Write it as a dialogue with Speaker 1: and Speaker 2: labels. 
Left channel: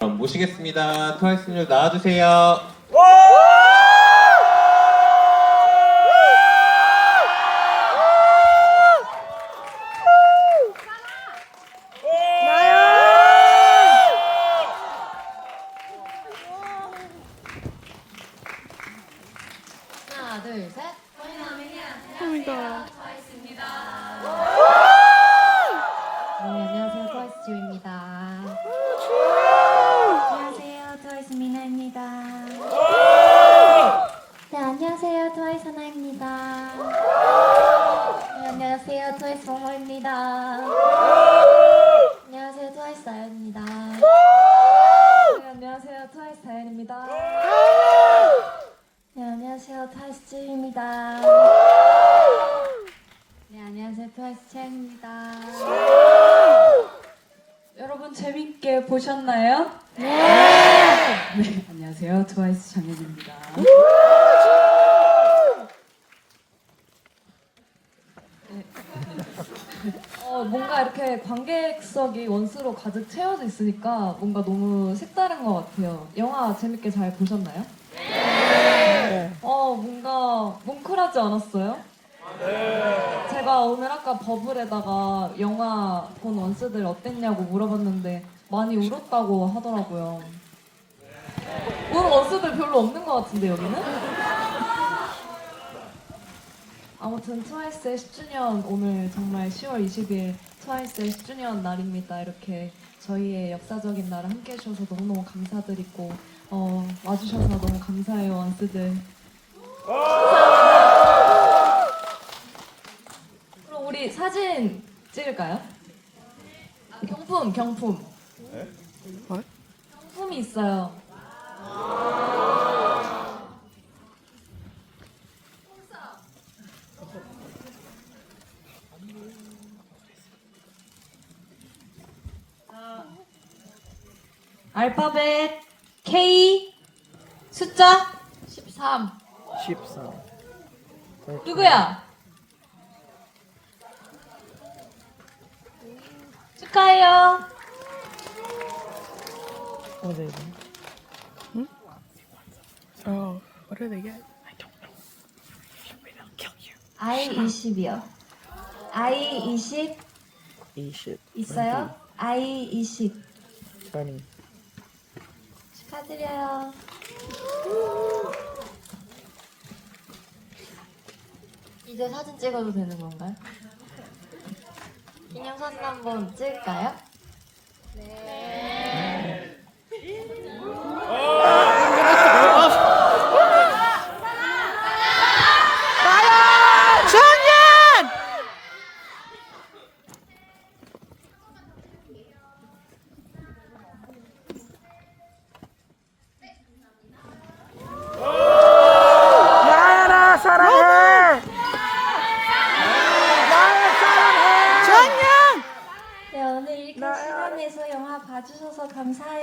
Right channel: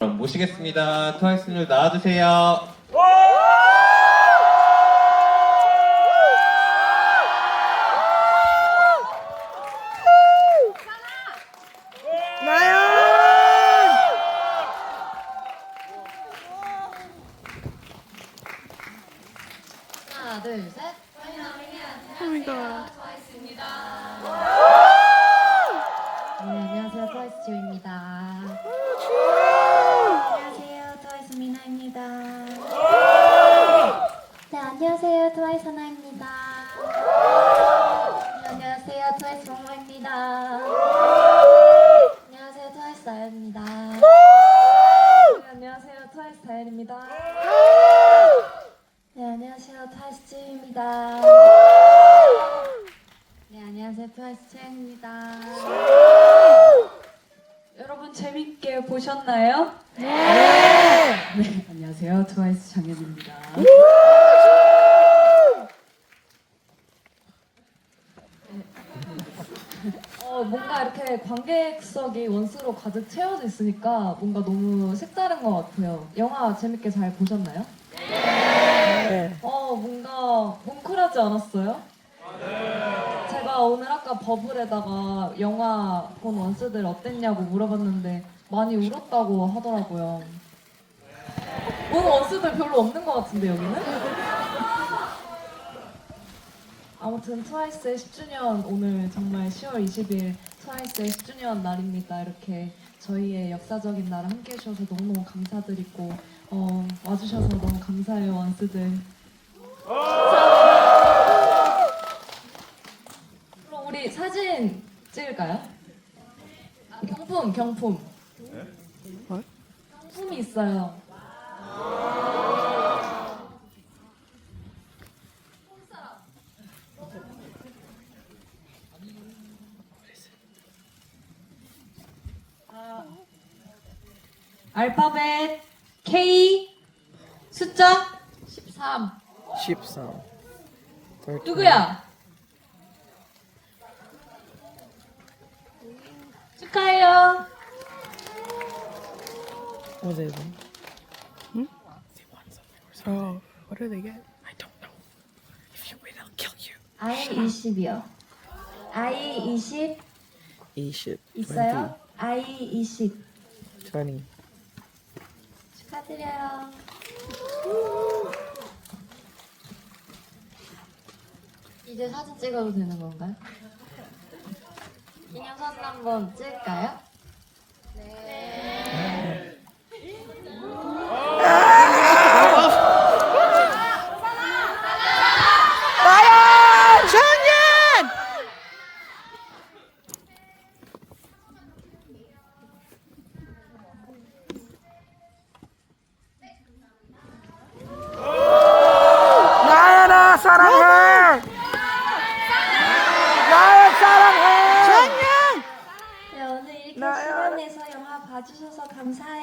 Speaker 1: 그럼 모시겠습니다. 트와이스님 나와주세요.
Speaker 2: 하나, 둘, 셋.
Speaker 3: Oh my god.
Speaker 2: 네,
Speaker 4: 하나입니다. 네, 안녕하세요. 트와이스 정모입니다. 안녕하세요. 트와이스 나연입니다. 네, 안녕하세요. 트와이스 다연입니다. 네, 안녕하세요. 트와이스 찌입니다. 네, 안녕하세요. 트와이스 채연입니다.
Speaker 5: 여러분 재밌게 보셨나요? 네. 안녕하세요. 트와이스 장현입니다. 어, 뭔가 이렇게 관객석이 원수로 가득 채워져 있으니까 뭔가 너무 색다른 것 같아요. 영화 재밌게 잘 보셨나요? 네. 어, 뭔가 뭉클하지 않았어요? 제가 오늘 아까 버블에다가 영화 본 원스들 어땠냐고 물어봤는데 많이 울었다고 하더라고요. 본 원스들 별로 없는 것 같은데 여기는? 아무튼 트와이스의 10주년 오늘 정말 10월 20일 트와이스의 10주년 날입니다. 이렇게 저희의 역사적인 날을 함께 해주셔서 너무너무 감사드리고 어, 와주셔서 너무 감사해요 원스들. 그럼 우리 사진 찍을까요? 아, 경품, 경품.
Speaker 3: 뭘?
Speaker 5: 경품이 있어요. 알파벳 K 숫자 13
Speaker 3: 14.
Speaker 5: 누구야? 축하해요.
Speaker 3: What are they? Hmm? Oh, what do they get? I don't know. If you wait, I'll kill you.
Speaker 4: I 20이요. I 20
Speaker 3: 20.
Speaker 4: 있어요? I 20
Speaker 3: 20.
Speaker 4: 축하드려요.
Speaker 2: 이제 사진 찍어도 되는 건가요? 기념사진 한번 찍을까요?
Speaker 3: 정연! 나연아 사랑해! 나연 사랑해! 정연!
Speaker 4: 봐주셔서 감사해요.